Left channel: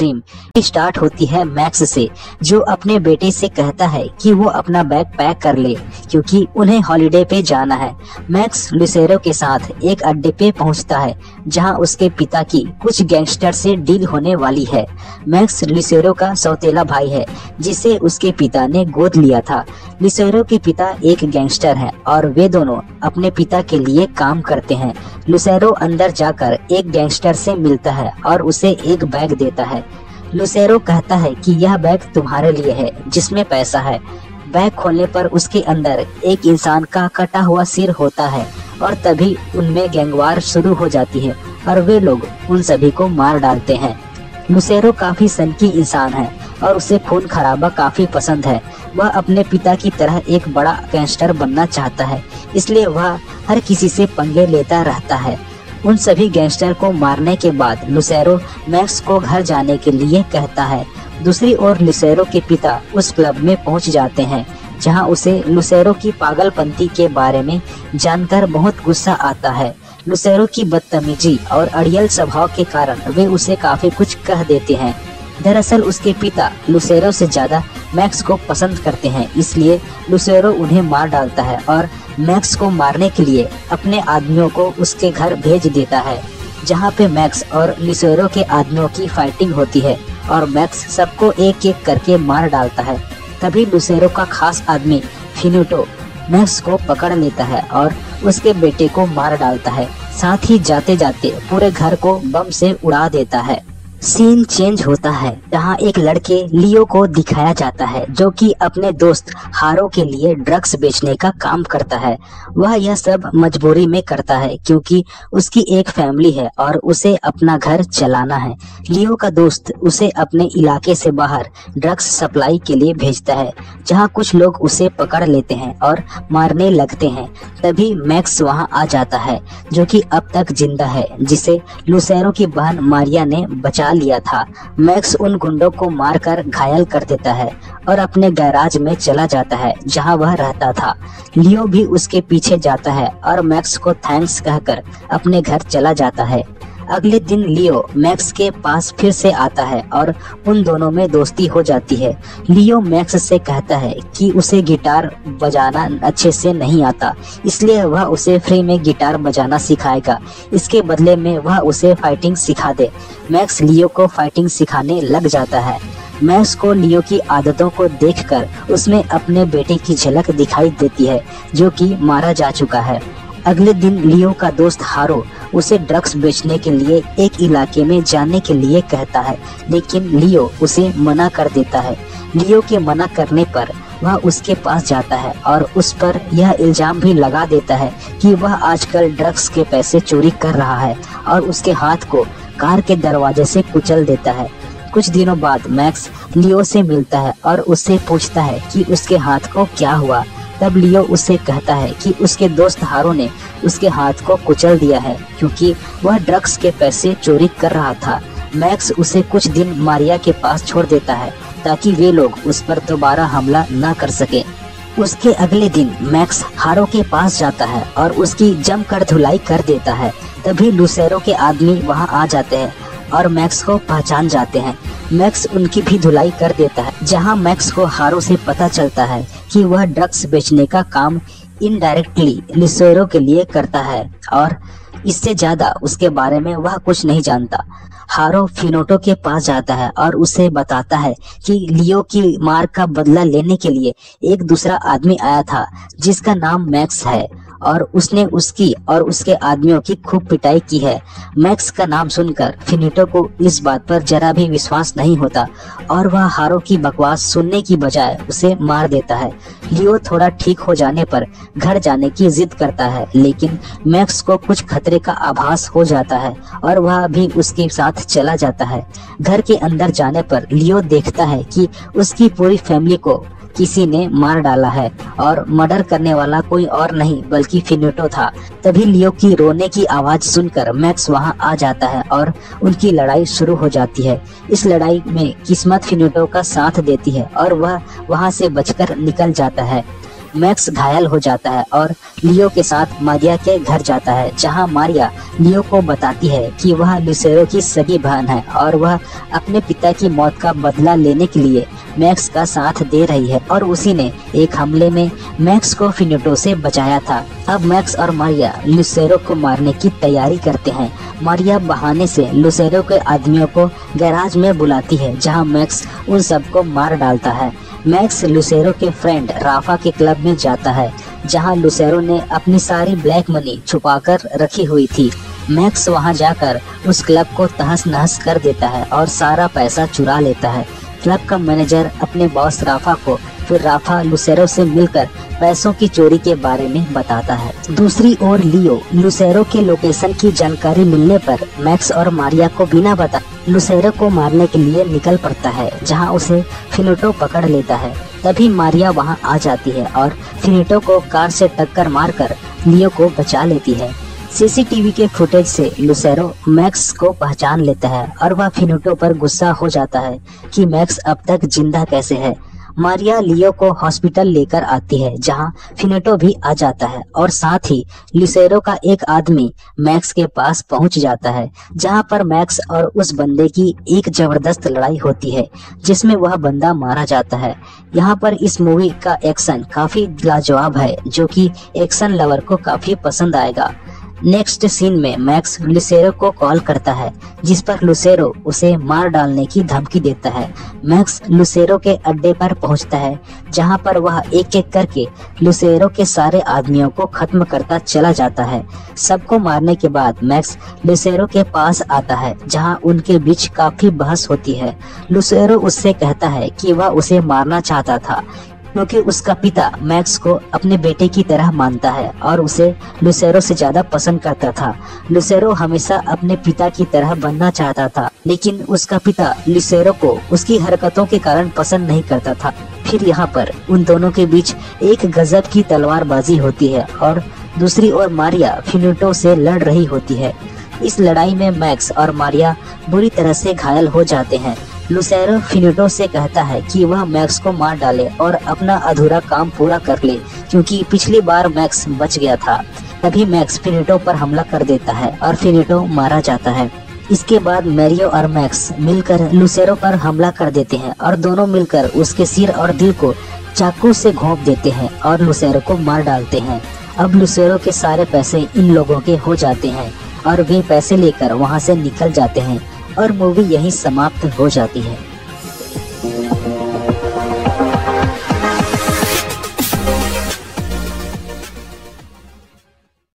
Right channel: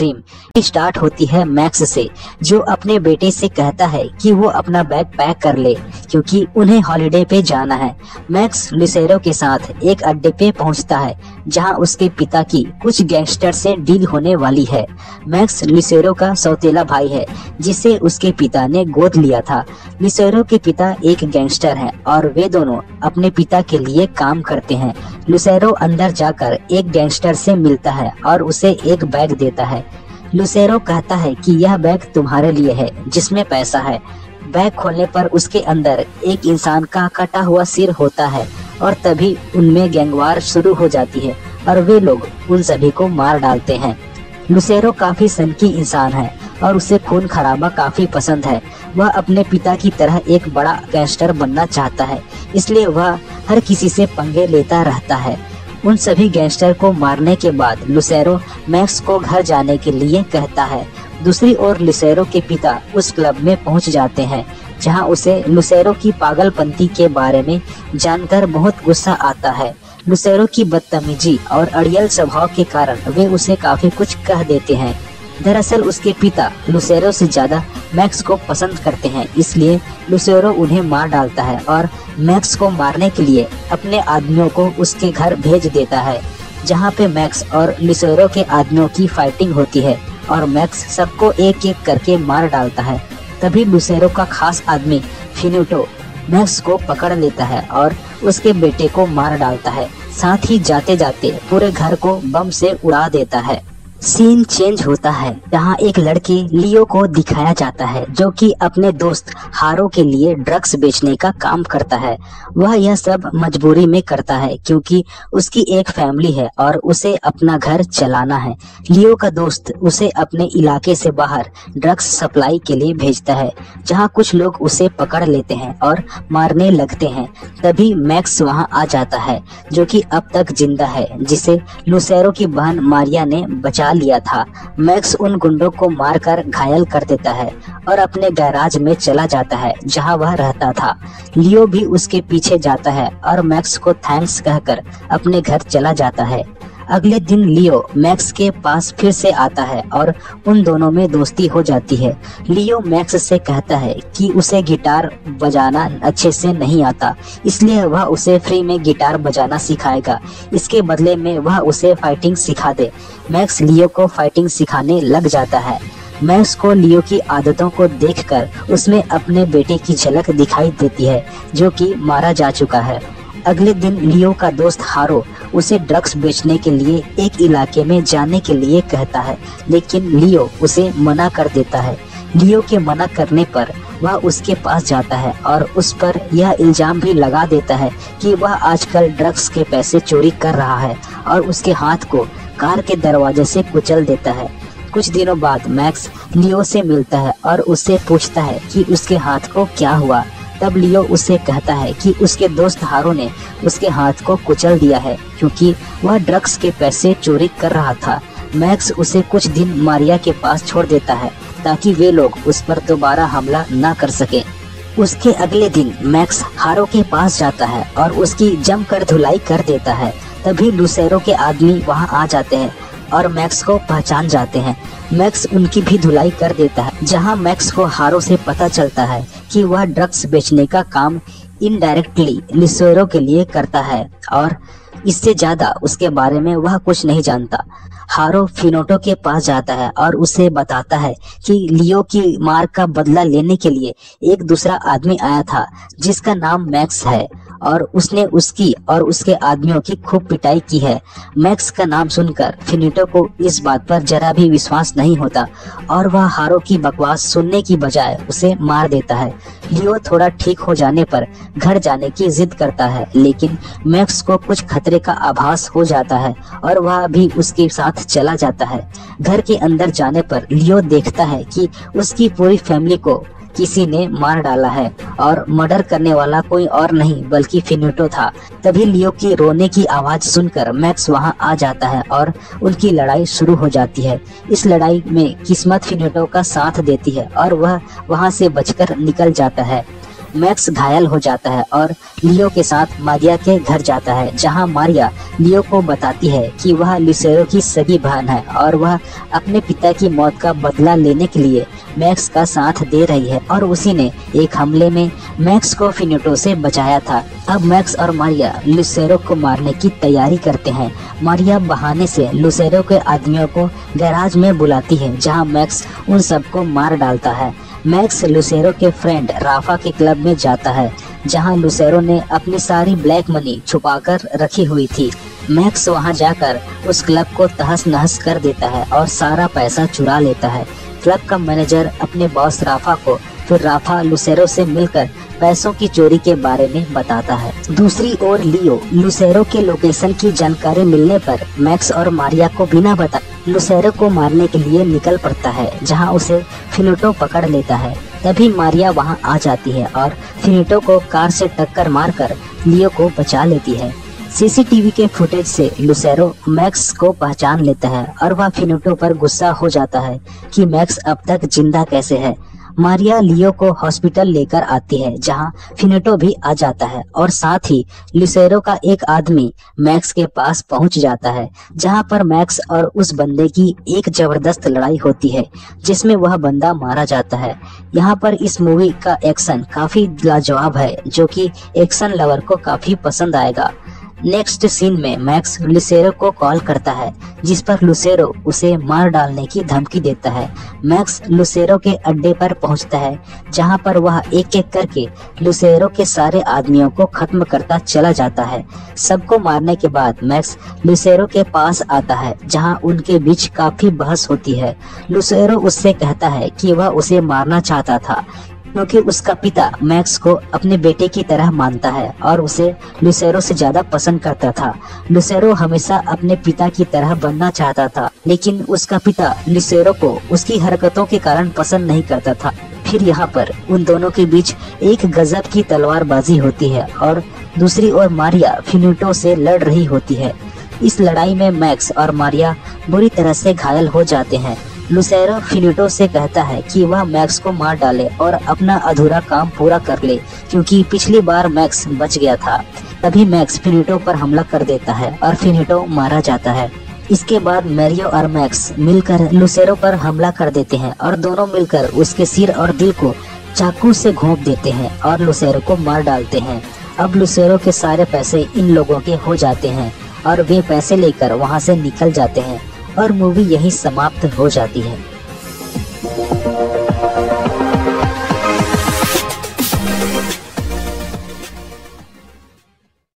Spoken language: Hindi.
स्ट्रीम स्टार्ट होती है मैक्स से, जो अपने बेटे से कहता है कि वो अपना बैग पैक कर ले क्योंकि उन्हें हॉलिडे पे जाना है। मैक्स लुसेरो के साथ एक अड्डे पे पहुंचता है जहां उसके पिता की कुछ गैंगस्टर से डील होने वाली है। मैक्स लुसेरो का सौतेला भाई है जिसे उसके पिता ने गोद लिया था। लुसेरो के पिता एक गैंगस्टर है और वे दोनों अपने पिता के लिए काम करते हैं। लुसेरो अंदर जाकर एक गैंगस्टर से मिलता है और उसे एक बैग देता है। लुसेरो कहता है कि यह बैग तुम्हारे लिए है जिसमें पैसा है। बैग खोलने पर उसके अंदर एक इंसान का कटा हुआ सिर होता है और तभी उनमें गैंगवार शुरू हो जाती है और वे लोग उन सभी को मार डालते हैं। लुसेरो काफी सनकी इंसान है और उसे खून खराबा काफी पसंद है। वह अपने पिता की तरह एक बड़ा गैंगस्टर बनना चाहता है, इसलिए वह हर किसी से पंगे लेता रहता है। उन सभी गैंगस्टर को मारने के बाद लुसेरो मैक्स को घर जाने के लिए कहता है। दूसरी ओर लुसेरो के पिता उस क्लब में पहुंच जाते हैं जहां उसे लुसेरो की पागलपंती के बारे में जानकर बहुत गुस्सा आता है। लुसेरो की बदतमीजी और अड़ियल स्वभाव के कारण वे उसे काफी कुछ कह देते हैं। दरअसल उसके पिता लुसेरो से ज्यादा मैक्स को पसंद करते हैं, इसलिए लुसेरो उन्हें मार डालता है और मैक्स को मारने के लिए अपने आदमियों को उसके घर भेज देता है, जहां पे मैक्स और लुसेरो के आदमियों की फाइटिंग होती है और मैक्स सबको एक एक करके मार डालता है। तभी लुसेरो का खास आदमी फिनिटो मैक्स को पकड़ लेता है और उसके बेटे को मार डालता है। साथ ही जाते जाते पूरे घर को बम से उड़ा देता है। सीन चेंज होता है जहाँ एक लड़के लियो को दिखाया जाता है जो कि अपने दोस्त हारो के लिए ड्रग्स बेचने का काम करता है। वह यह सब मजबूरी में करता है क्योंकि उसकी एक फैमिली है और उसे अपना घर चलाना है। लियो का दोस्त उसे अपने इलाके से बाहर ड्रग्स सप्लाई के लिए भेजता है, जहाँ कुछ लोग उसे पकड़ लेते हैं और मारने लगते हैं। तभी मैक्स वहाँ आ जाता है जो कि अब तक जिंदा है, जिसे लुसेरो की बहन मारिया ने बचा लिया था। मैक्स उन गुंडों को मारकर घायल कर देता है और अपने गैराज में चला जाता है जहां वह रहता था। लियो भी उसके पीछे जाता है और मैक्स को थैंक्स कहकर अपने घर चला जाता है। अगले दिन लियो मैक्स के पास फिर से आता है और उन दोनों में दोस्ती हो जाती है। लियो मैक्स से कहता है कि उसे गिटार बजाना अच्छे से नहीं आता, इसलिए वह उसे फ्री में गिटार बजाना सिखाएगा। इसके बदले में वह उसे फाइटिंग सिखा दे। मैक्स लियो को फाइटिंग सिखाने लग जाता है। मैक्स को लियो की आदतों को देखकर उसमें अपने बेटे की झलक दिखाई देती है जो कि मारा जा चुका है। अगले दिन लियो का दोस्त हारो उसे ड्रग्स बेचने के लिए एक इलाके में जाने के लिए कहता है, लेकिन लियो उसे मना कर देता है। लियो के मना करने पर वह उसके पास जाता है और उस पर यह इल्जाम भी लगा देता है कि वह आजकल ड्रग्स के पैसे चोरी कर रहा है और उसके हाथ को कार के दरवाजे से कुचल देता है। कुछ दिनों बाद मैक्स लियो से मिलता है और उससे पूछता है कि उसके हाथ को क्या हुआ। तब लियो उससे कहता है कि उसके दोस्त हारो ने उसके हाथ को कुचल दिया है क्योंकि वह ड्रग्स के पैसे चोरी कर रहा था। मैक्स उसे कुछ दिन मारिया के पास छोड़ देता है ताकि वे लोग उस पर दोबारा हमला न कर सके। उसके अगले दिन मैक्स हारो के पास जाता है और उसकी जमकर धुलाई कर देता है। तभी लुसेरो के आदमी वहां आ जाते हैं और मैक्स को पहचान जाते हैं। मैक्स उनकी भी धुलाई कर देता है, जहां मैक्स को हारो से पता चलता है कि वह ड्रग्स बेचने का काम इनडायरेक्टली लुसेरो के लिए करता है और इससे ज्यादा उसके बारे में वह कुछ नहीं जानता। हारो फिनोटो के पास जाता है और उसे बताता है कि लियो की मार का बदला लेने के लिए एक दूसरा आदमी आया था जिसका नाम मैक्स है और उसने उसकी और उसके आदमियों की खूब पिटाई की है। मैक्स का नाम सुनकर फिनिटो को इस बात पर जरा भी विश्वास नहीं होता और वह हारो की बकवास सुनने की बजाय उसे मार देता है। लियो थोड़ा ठीक हो जाने पर घर जाने की जिद करता है, लेकिन मैक्स को कुछ खतरे का आभास हो जाता है और वह भी उसके साथ चला जाता है। घर के अंदर जाने पर लियो देखता है कि उसकी पूरी फैमिली को किसी ने मार डाला है और मर्डर करने वाला कोई और नहीं बल्कि फिनिटो था। तभी लियो की रोने की आवाज सुनकर मैक्स वहां आ जाता है और उनकी लड़ाई शुरू हो जाती है। इस लड़ाई में किस्मत फिनिटो का साथ देती है और वह वहां से बचकर निकल जाता है। मैक्स घायल हो जाता है और लियो के साथ मारिया के घर जाता है, जहां मारिया लियो को बताती है कि वह लुसेरो की सगी बहन है और वह अपने पिता की मौत का बदला लेने के लिए मैक्स का साथ दे रही है और उसी ने एक हमले में मैक्स को फिनेटो से बचाया था। अब मैक्स और मारिया लुसेरो को मारने की तैयारी करते हैं। मारिया बहाने से लुसेरो के आदमियों को गैराज में बुलाती है, जहां मैक्स उन सबको मार डालता है। मैक्स लुसेरो के फ्रेंड राफा के क्लब में जाता है, जहां लुसेरो ने अपनी सारी ब्लैक मनी छुपाकर रखी हुई थी। मैक्स वहां जाकर उस क्लब को तहस नहस कर देता है और सारा पैसा चुरा लेता है। क्लब का मैनेजर अपने बॉस राफा को, फिर राफा लुसेरो से मिलकर पैसों की चोरी के बारे में बताता है। दूसरी ओर लियो लुसेरो के लोकेशन की जानकारी मिलने पर मैक्स और मारिया को बिना बता लुसेरो को मारने के लिए निकल पड़ता है, जहां उसे फिनेटो पकड़ लेता है। तभी मारिया वहां आ जाती है और फिनेटो को कार से टक्कर मारकर लियो को बचा लेती है। सीसीटीवी के फुटेज से लुसेरो मैक्स को पहचान लेता है और वह फिनेटो पर गुस्सा हो जाता है कि मैक्स अब तक जिंदा कैसे है। मारिया लियो को हॉस्पिटल लेकर आती है, जहां फिनेटो भी आ जाता है और साथ ही लुसेरो का एक आदमी मैक्स के पास पहुंच जाता है, जहां पर मैक्स और उस बंदे की एक जबरदस्त लड़ाई होती है, जिसमें वह बंदा मारा जाता है। यहाँ पर इस मूवी का एक्शन काफी लाजवाब है, जो कि एक्शन लवर को काफी पसंद आएगा। नेक्स्ट सीन में मैक्स लुसेरो को कॉल करता है, जिस पर लुसेरो उसे मार डालने की धमकी देता है। मैक्स लुसेरो के अड्डे पर पहुंचता है, जहां पर वह एक एक करके लुसेरो के सारे आदमियों को खत्म करता चला जाता है। सबको मारने के बाद मैक्स लुसेरो के पास आता है, जहां उनके बीच काफी बहस होती है। लुसेरो उससे कहता है कि वह उसे मारना चाहता था, क्योंकि उसका पिता मैक्स को अपने बेटे की तरह मानता है और उसे लुसेरो से ज्यादा पसंद करता था। लुसेरो हमेशा अपने पिता की तरह बनना चाहता था, लेकिन उसका पिता लुसेरो को उसकी हरकतों के कारण पसंद नहीं करता था। फिर यहाँ पर उन दोनों के बीच एक गजब की तलवारबाजी होती है और दूसरी ओर मारिया फिनेटो से लड़ रही होती है। इस लड़ाई में मैक्स और मारिया बुरी तरह से घायल हो जाते हैं। लुसेरो फिनेटो से कहता है कि वह मैक्स को मार डाले और अपना अधूरा काम पूरा कर ले, क्योंकि पिछली बार मैक्स बच गया था। तभी मैक्स फिनेटो पर हमला कर देता है और फिनेटो मारा जाता है। इसके बाद मैरियो और मैक्स मिलकर लुसेरो पर हमला कर देते हैं और दोनों मिलकर उसके सिर और दिल को चाकू से घोंप देते हैं और लुसेरो को मार डालते हैं। अब लुसेरो के सारे पैसे इन लोगों के हो जाते हैं और वे पैसे लेकर वहां से निकल जाते हैं और मूवी यही समाप्त हो जाती है।